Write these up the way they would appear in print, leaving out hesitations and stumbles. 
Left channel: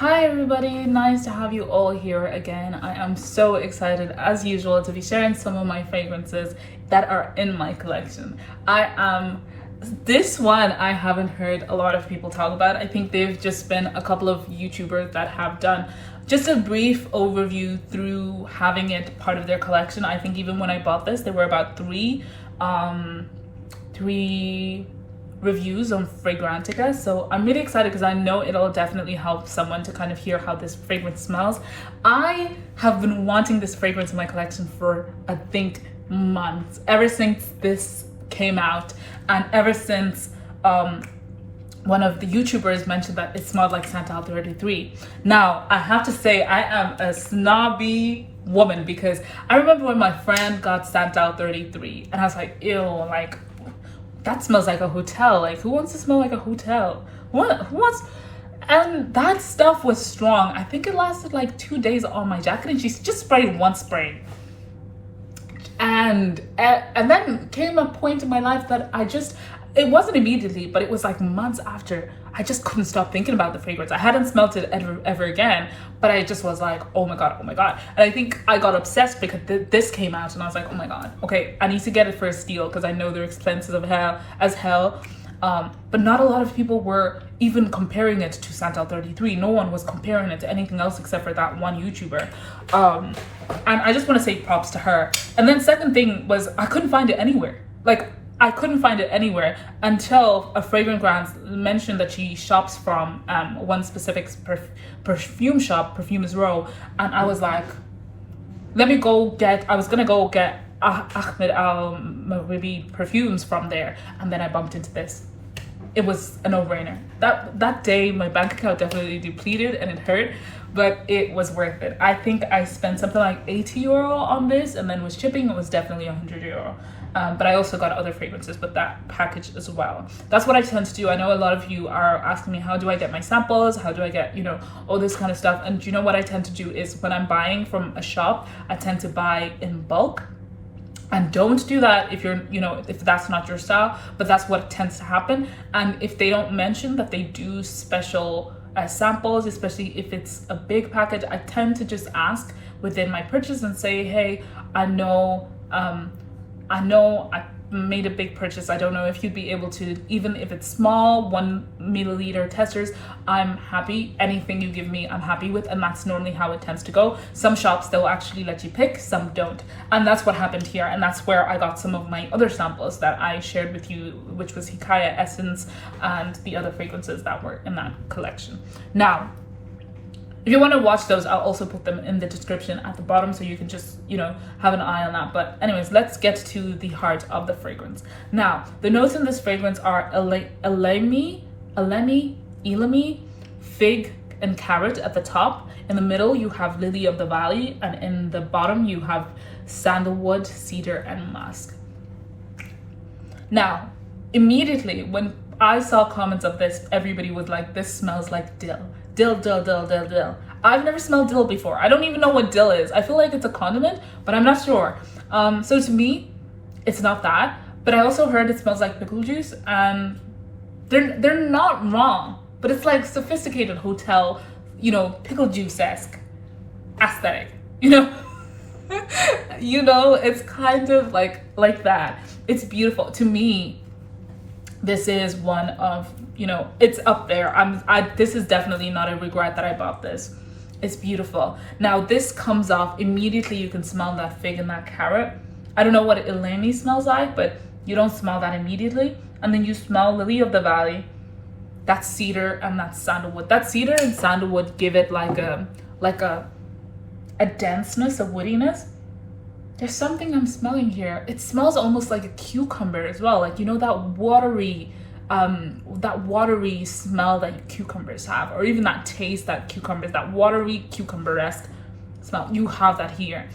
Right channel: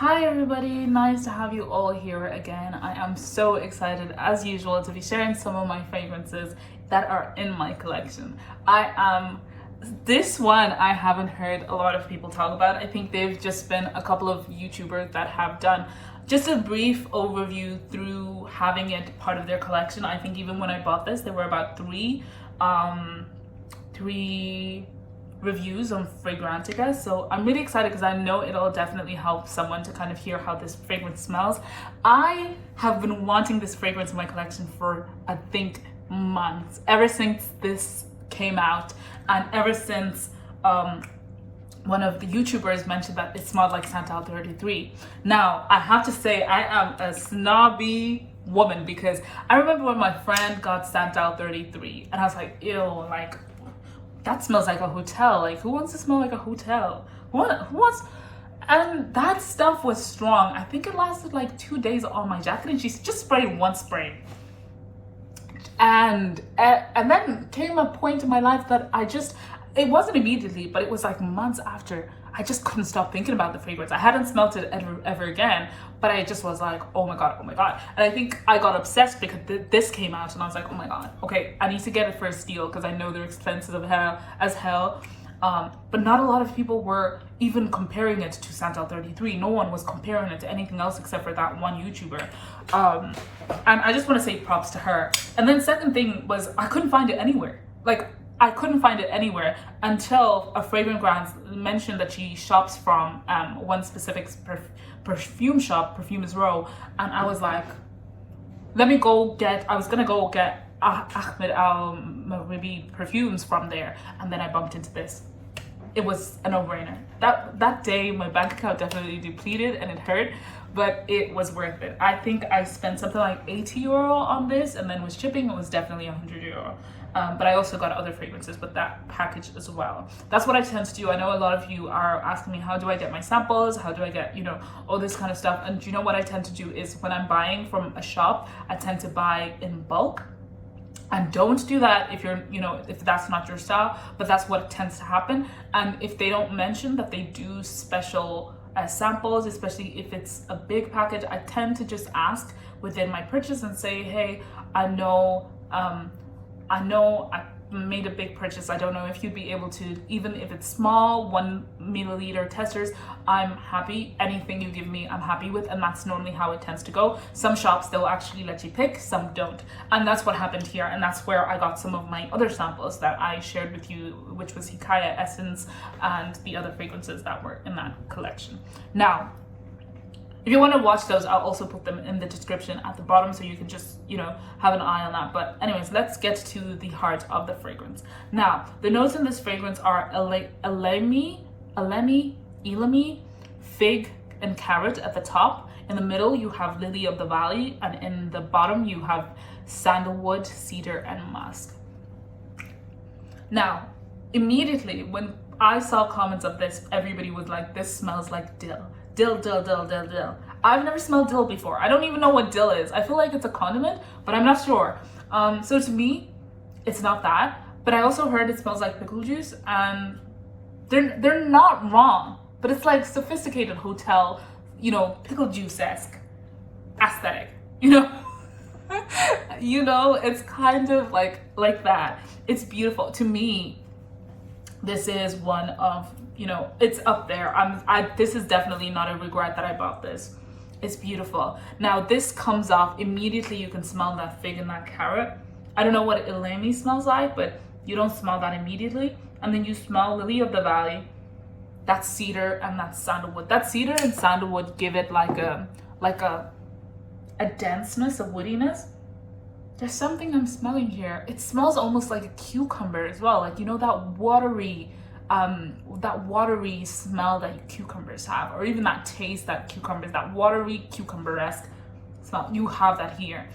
Hi everybody, nice to have you all here again. I am so excited as usual to be sharing some of my fragrances that are in my collection. This one I haven't heard a lot of people talk about. I think they've just been a couple of YouTubers that have done just a brief overview through having it part of their collection. I think even when I bought this, there were about three reviews on Fragrantica, so I'm really excited because I know it'll definitely help someone to kind of hear how this fragrance smells. I have been wanting this fragrance in my collection for I think months, ever since this came out, and ever since one of the YouTubers mentioned that it smelled like Santal 33. Now I have to say I am a snobby woman because I remember when my friend got Santal 33 and I was like, ew, like that smells like a hotel. Like, who wants to smell like a hotel? Who wants? And that stuff was strong. I think it lasted like 2 days on my jacket, and she just sprayed one spray. And then came a point in my life that it wasn't immediately, but it was like months after. I just couldn't stop thinking about the fragrance. I hadn't smelled it ever again, but I just was like, oh my god, oh my god. And I think I got obsessed because this came out, and I was like, oh my god, okay, I need to get it for a steal because I know they're expensive as hell. But not a lot of people were even comparing it to Santal 33. No one was comparing it to anything else except for that one YouTuber. And I just want to say props to her. And then second thing was I couldn't find it anywhere. Like, I couldn't find it anywhere until a fragrance brand mentioned that she shops from one specific perfume shop, Perfumes Row, and I was like, I was gonna go get Ahmed Al-Maghribi perfumes from there, and then I bumped into this. It was a no-brainer. That day my bank account definitely depleted and it hurt, but it was worth it. I think I spent something like 80 euro on this, and then with shipping it was definitely 100 euro. But I also got other fragrances with that package as well. That's what I tend to do. I know a lot of you are asking me, how do I get my samples? How do I get, all this kind of stuff? And you know what I tend to do is when I'm buying from a shop, I tend to buy in bulk. And don't do that if you're, if that's not your style, but that's what tends to happen. And if they don't mention that they do special samples, especially if it's a big package, I tend to just ask within my purchase and say, hey, I know I made a big purchase. I don't know if you'd be able to, even if it's small, 1 milliliter testers, I'm happy. Anything you give me, I'm happy with. And that's normally how it tends to go. Some shops, they'll actually let you pick, some don't. And that's what happened here. And that's where I got some of my other samples that I shared with you, which was Hikaya Essence and the other fragrances that were in that collection. Now, if you want to watch those, I'll also put them in the description at the bottom so you can just, have an eye on that. But anyways, let's get to the heart of the fragrance. Now, the notes in this fragrance are elemi, fig, and carrot at the top. In the middle, you have lily of the valley, and in the bottom, you have sandalwood, cedar, and musk. Now, immediately when I saw comments of this, everybody was like, this smells like dill. Dill. I've never smelled dill before. I don't even know what dill is. I feel like it's a condiment, but I'm not sure. So to me, it's not that. But I also heard it smells like pickle juice, and they're not wrong. But it's like sophisticated hotel, pickle juice-esque aesthetic. It's kind of like that. It's beautiful. To me, this is one of, it's up there. This is definitely not a regret that I bought this. It's beautiful. Now this comes off immediately. You can smell that fig and that carrot. I don't know what elemi smells like, but you don't smell that immediately. And then you smell lily of the valley. That's cedar and that's sandalwood. That cedar and sandalwood give it like a denseness, a woodiness. There's something I'm smelling here. It smells almost like a cucumber as well. Like, that watery smell that cucumbers have, or even that taste that cucumbers, that watery cucumber-esque smell. You have that here.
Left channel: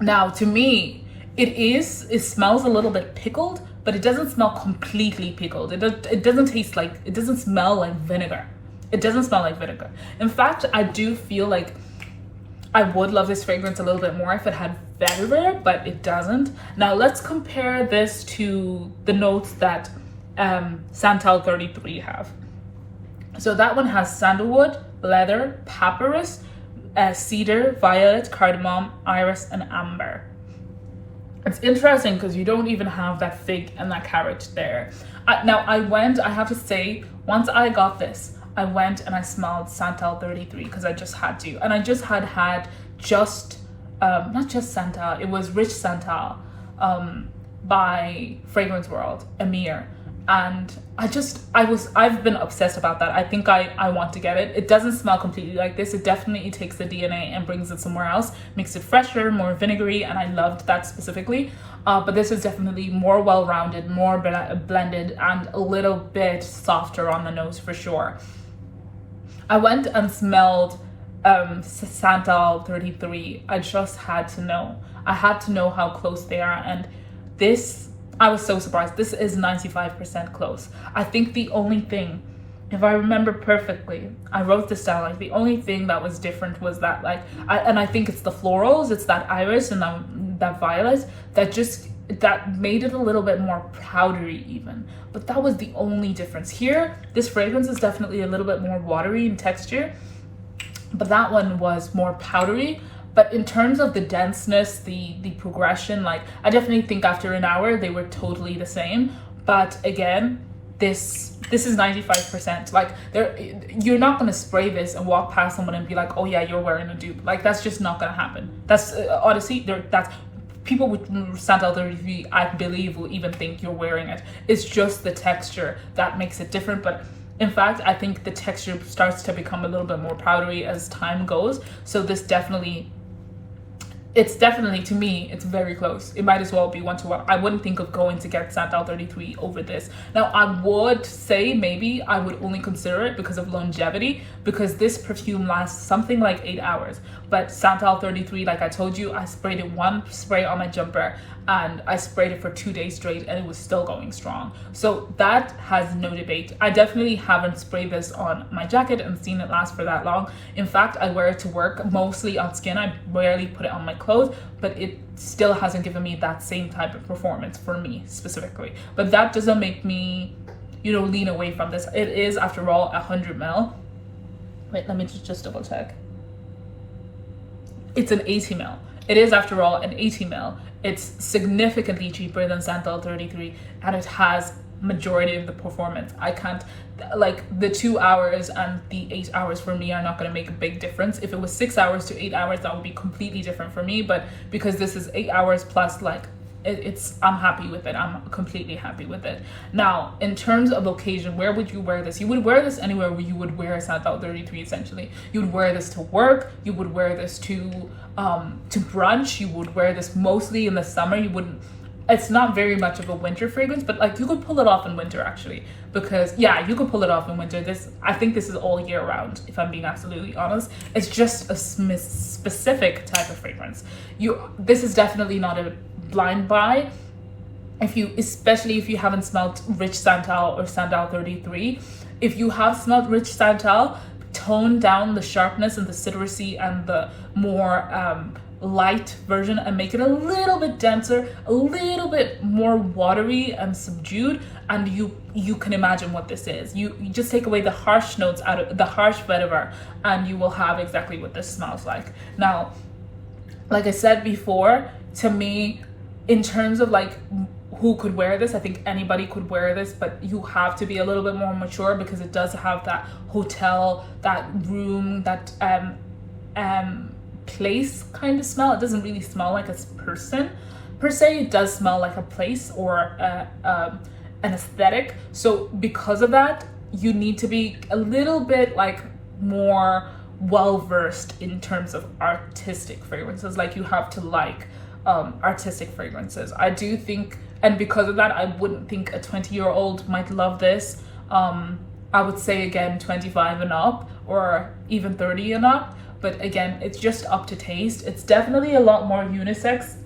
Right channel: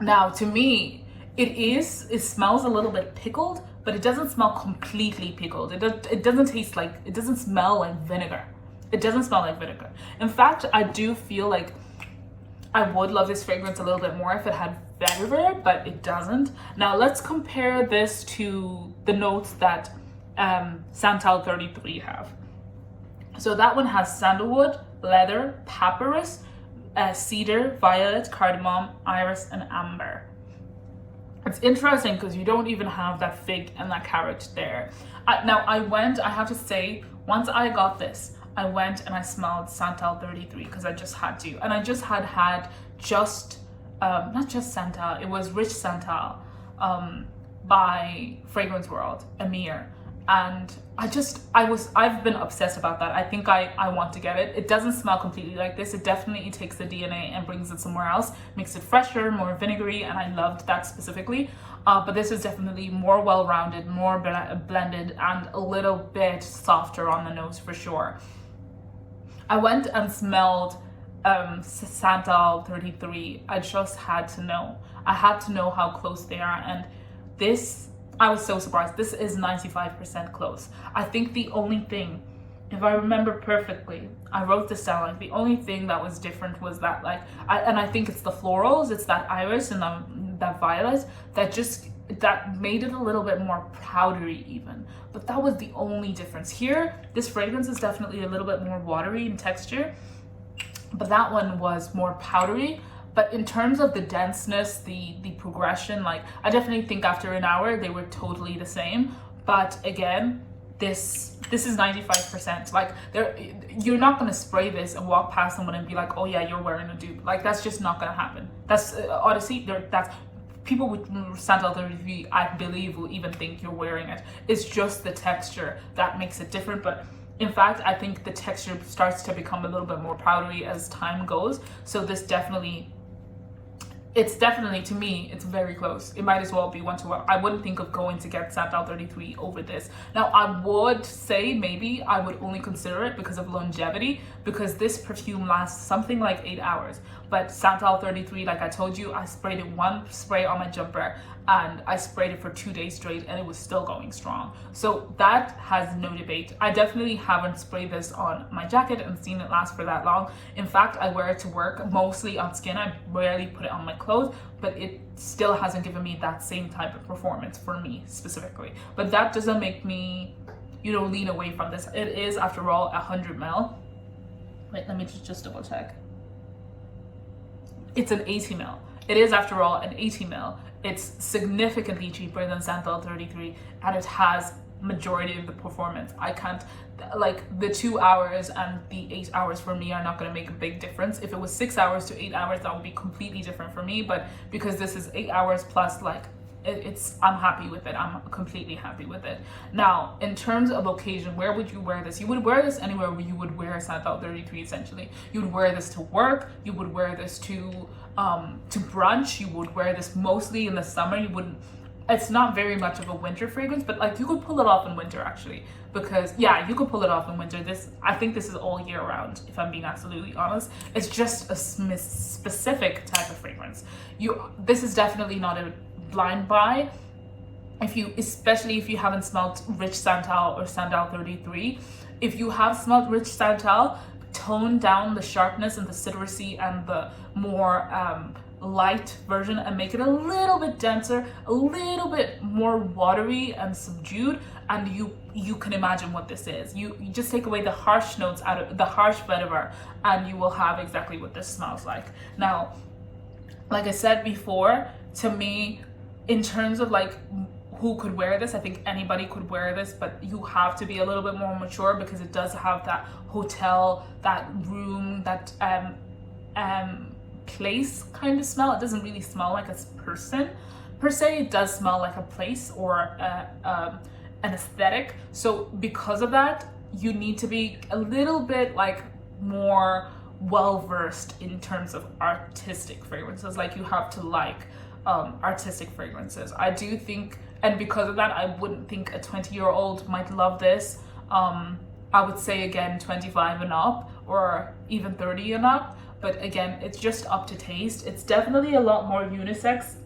Now, to me, it smells a little bit pickled, but it doesn't smell completely pickled. It doesn't smell like vinegar. It doesn't smell like vinegar. In fact, I do feel like I would love this fragrance a little bit more if it had vinegar, but it doesn't. Now let's compare this to the notes that Santal 33 have. So that one has sandalwood, leather, papyrus, cedar, violet, cardamom, iris, and amber. It's interesting because you don't even have that fig and that carrot there. Now I have to say, once I got this, I went and I smelled Santal 33 because I just had to. And I just had not just Santal, it was Rich Santal by Fragrance World, Amir. And I've been obsessed about that. I think I want to get it. It doesn't smell completely like this. It definitely takes the DNA and brings it somewhere else, makes it fresher, more vinegary, and I loved that specifically. But this is definitely more well-rounded, more blended, and a little bit softer on the nose for sure. I went and smelled Santal 33. I just had to know. I had to know how close they are, and this, I was so surprised. This is 95% close. I think the only thing, if I remember perfectly, I wrote this down, like the only thing that was different was that I think it's the florals, it's that iris and that violet that made it a little bit more powdery even. But that was the only difference. Here, this fragrance is definitely a little bit more watery in texture, but that one was more powdery. But in terms of the denseness, the progression, like I definitely think after an hour they were totally the same. But again, this is 95%. Like you're not gonna spray this and walk past someone and be like, oh yeah, you're wearing a dupe. Like that's just not gonna happen. That's honestly, that's people with Santal 33, I believe, will even think you're wearing it. It's just the texture that makes it different. But in fact, I think the texture starts to become a little bit more powdery as time goes. So this it's definitely, to me, it's very close. It might as well be 1-to-1. I wouldn't think of going to get Santal 33 over this. Now, I would say maybe I would only consider it because of longevity, because this perfume lasts something like 8 hours. But Santal 33, like I told you, I sprayed it one spray on my jumper and I sprayed it for 2 days straight and it was still going strong. So that has no debate. I definitely haven't sprayed this on my jacket and seen it last for that long. In fact, I wear it to work mostly on skin. I rarely put it on my clothes, but it still hasn't given me that same type of performance for me specifically. But that doesn't make me, lean away from this. It is, after all, 100 ml. Wait, let me just double check. It's an 80 ml. It is, after all, an 80 ml. It's significantly cheaper than Santal 33 and it has majority of the performance. I can't, like the 2 hours and the 8 hours for me are not going to make a big difference. If it was 6 hours to 8 hours, that would be completely different for me. But because this is 8 hours plus, like I'm happy with it. I'm completely happy with it. Now, in terms of occasion, where would you wear this? You would wear this anywhere where you would wear Santal 33 essentially. You would wear this to work. You would wear this to brunch. You would wear this mostly in the summer. You wouldn't, it's not very much of a winter fragrance, but like you could pull it off in winter actually, because yeah, you could pull it off in winter. I think this is all year round, if I'm being absolutely honest. It's just a specific type of fragrance. This is definitely not a blind buy. Especially if you haven't smelled Rich Santal or Santal 33. If you have smelled Rich Santal, tone down the sharpness and the citrusy and the more light version and make it a little bit denser, a little bit more watery and subdued, and you can imagine what this is. You just take away the harsh notes out of the harsh vetiver and you will have exactly what this smells like. Now, like I said before, to me, in terms of like who could wear this, I think anybody could wear this, but you have to be a little bit more mature because it does have that hotel, that room, that place kind of smell. It doesn't really smell like a person per se. It does smell like a place or an aesthetic. So because of that, you need to be a little bit like more well-versed in terms of artistic fragrances. Like you have to like artistic fragrances. I do think, and because of that, I wouldn't think a 20-year-old might love this. I would say again 25 and up or even 30 and up, but again, it's just up to taste. It's definitely a lot more unisex.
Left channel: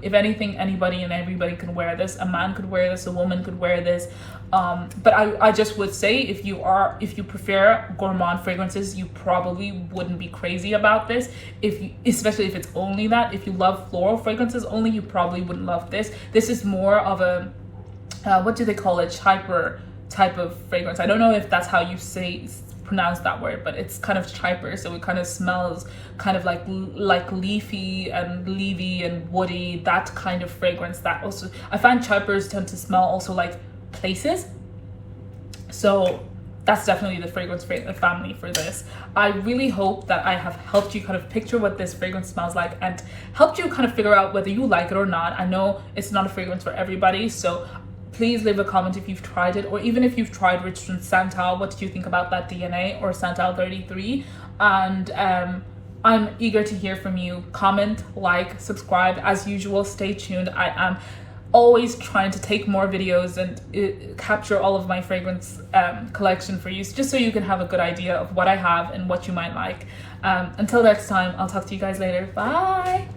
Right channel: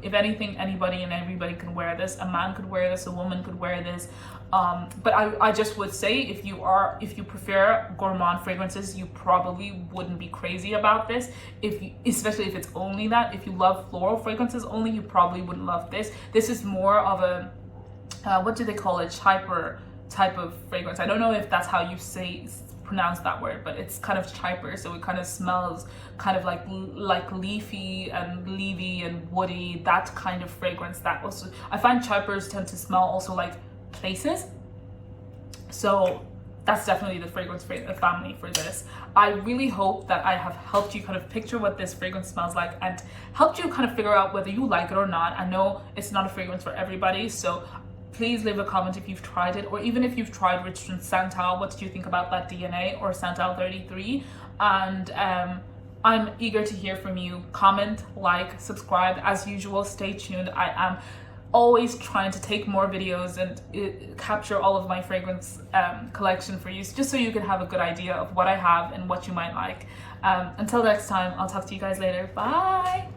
If anything, anybody and everybody can wear this. A man could wear this, a woman could wear this. But I just would say if you prefer gourmand fragrances, you probably wouldn't be crazy about this. Especially if it's only that. If you love floral fragrances only, you probably wouldn't love this. This is more of a what do they call it? Hyper type of fragrance. I don't know if that's how you pronounce that word, but it's kind of chyper, so it kind of smells kind of like leafy and leafy and woody, that kind of fragrance. That also, I find chypers tend to smell also like places, so that's definitely the fragrance family for this. I really hope that I have helped you kind of picture what this fragrance smells like and helped you kind of figure out whether you like it or not. I know it's not a fragrance for everybody, so please leave a comment if you've tried it, or even if you've tried Richardson Santal, what did you think about that DNA or Santal 33? And I'm eager to hear from you. Comment, like, subscribe. As usual, stay tuned. I am always trying to take more videos and capture all of my fragrance collection for you, just so you can have a good idea of what I have and what you might like. Until next time, I'll talk to you guys later. Bye.